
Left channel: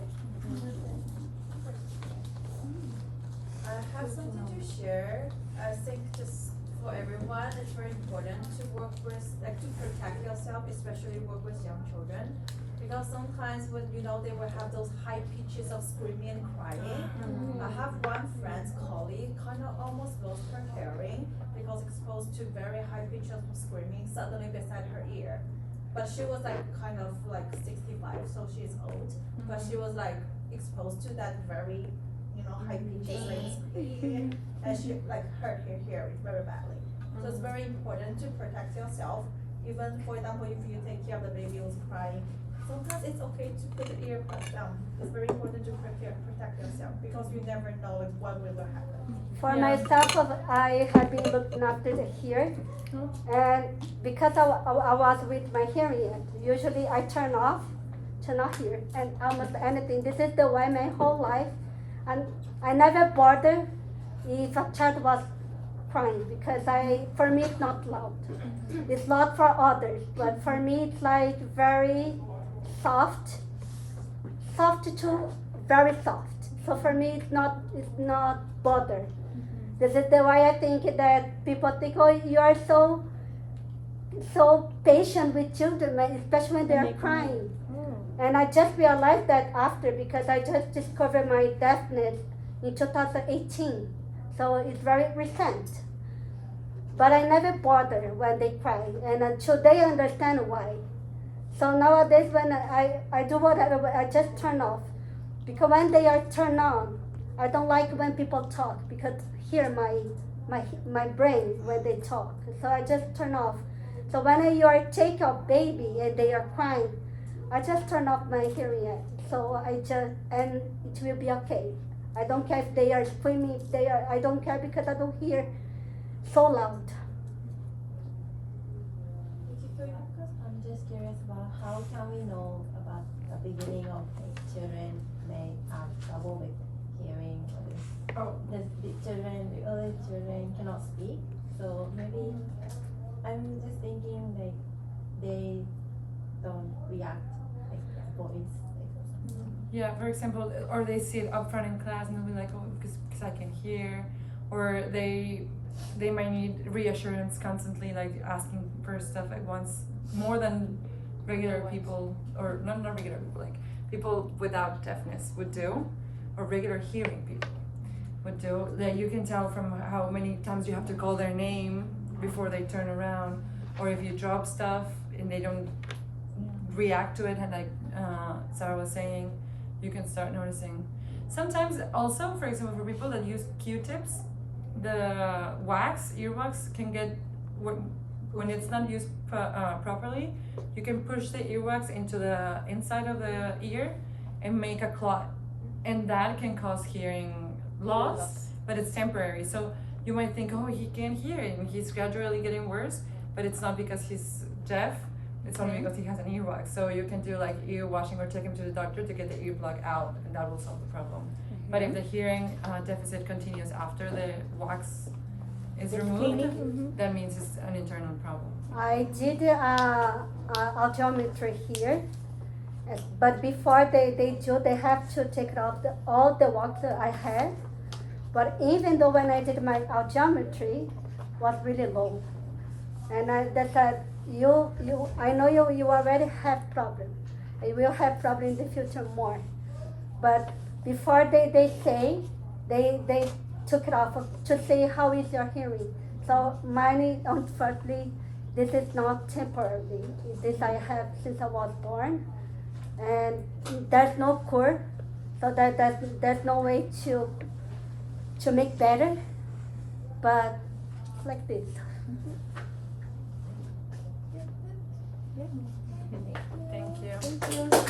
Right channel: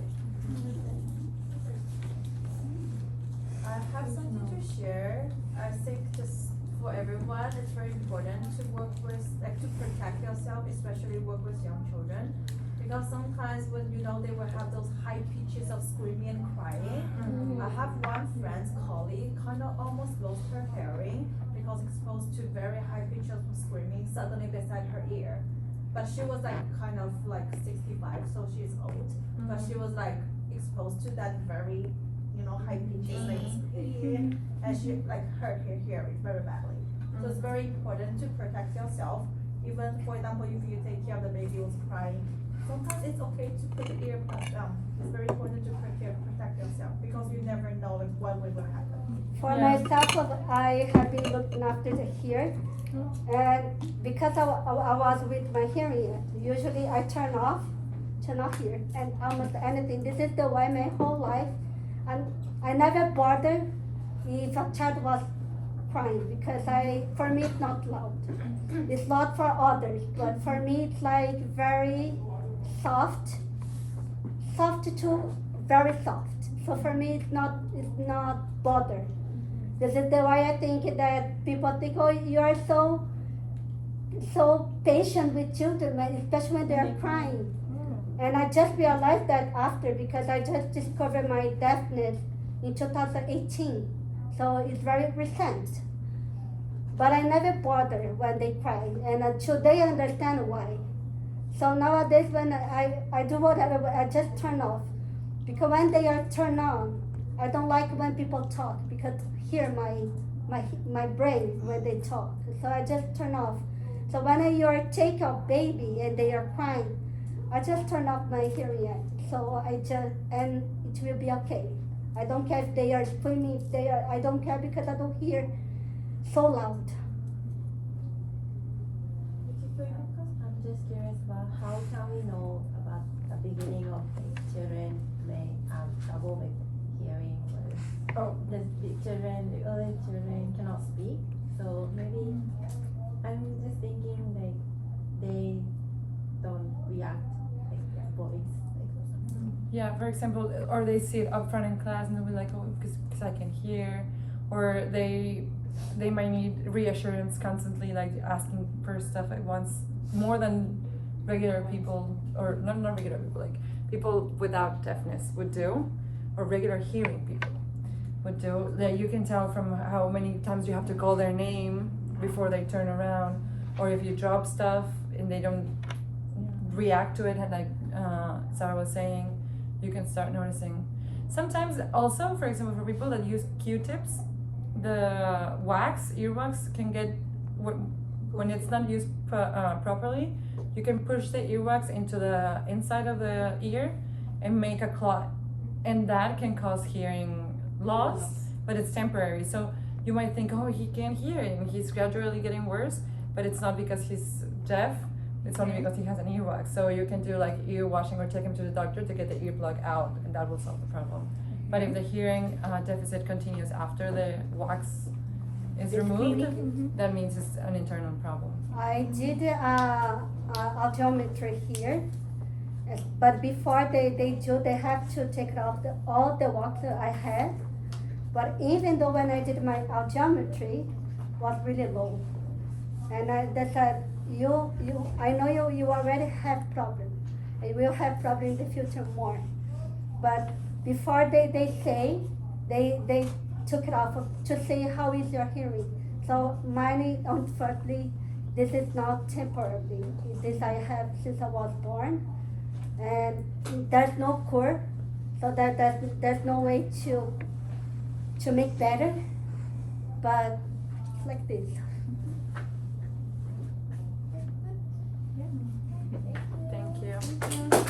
I have something to share. I think just for everyone, it's very important to work with, like to protect yourself, especially work with young children. Because sometimes when they will have those high pitches of screaming and crying. I have one friend's colleague kind of almost lost her hearing because exposed to very high pitches of screaming suddenly beside her ear. But she was like kind of like 65, so she's old. But she was like exposed to that very, high pitches like screaming, and she like hurt her hearing very badly. So it's very important to protect yourself. Even for example, if you take care of the baby who's crying, sometimes it's okay to put the earbuds down. It's very important to protect yourself because you never know what will happen. For myself, I have been looking after the hearing, and because I was with my hearing aid, usually I turn off to not hear and almost anything. This is the way my whole life, and I never bother if a child was crying because for me it's not loud. It's loud for others, but for me it's like very soft to very soft. So for me it's not bother. This is the way I think that people think, oh, you are so patient with children, especially when they are crying. And I just realized that after, because I just discovered my deafness in 2018. So it's very recent. But I never bother when they cry, and until they understand why. So nowadays when I do whatever, I just turn off. Because when they are turned on, I don't like when people talk, because hear my brain when they talk. So I just turn off. So when you are take a baby and they are crying, I just turn off my hearing aid. So and it will be okay. I don't care if they are screaming, I don't care because I don't hear so loud. I'm just curious about how can we know about the beginning of children may have trouble with hearing, or the early children cannot speak. So maybe I'm just thinking they don't react like voice. Yeah, for example, or they sit up front in class and they'll be like, oh, because I can hear, or they might need reassurance constantly, like asking for stuff at once, more than regular people, or not regular people, like people without deafness would do, or regular hearing people would do. That you can tell from how many times you have to call their name before they turn around, or if you drop stuff and they don't react to it, and like Sara was saying, you can start noticing. Sometimes also, for example, for people that use Q-tips, the earwax can get, when it's not used properly, you can push the earwax into the inside of the ear and make a clot, and that can cause hearing loss, but it's temporary. So you might think, oh, he can't hear and he's gradually getting worse, but it's not because he's deaf, it's only because he has an earwax. So you can do like ear washing or take him to the doctor to get the earplug out, and that will solve the problem. But if the hearing deficit continues after the wax is removed, that means it's an internal problem. I did audiometry here, but before they have to take off all the wax that I had. But even though when I did my audiometry, was really low, and they said, I know you already have problem. You will have problem in the future more. But before they say, they took it off to say how is your hearing. So mine, unfortunately, this is not temporary. This I have since I was born, and there's no cure, so there's no way to make better. But it's like this. Thank you. Thank you.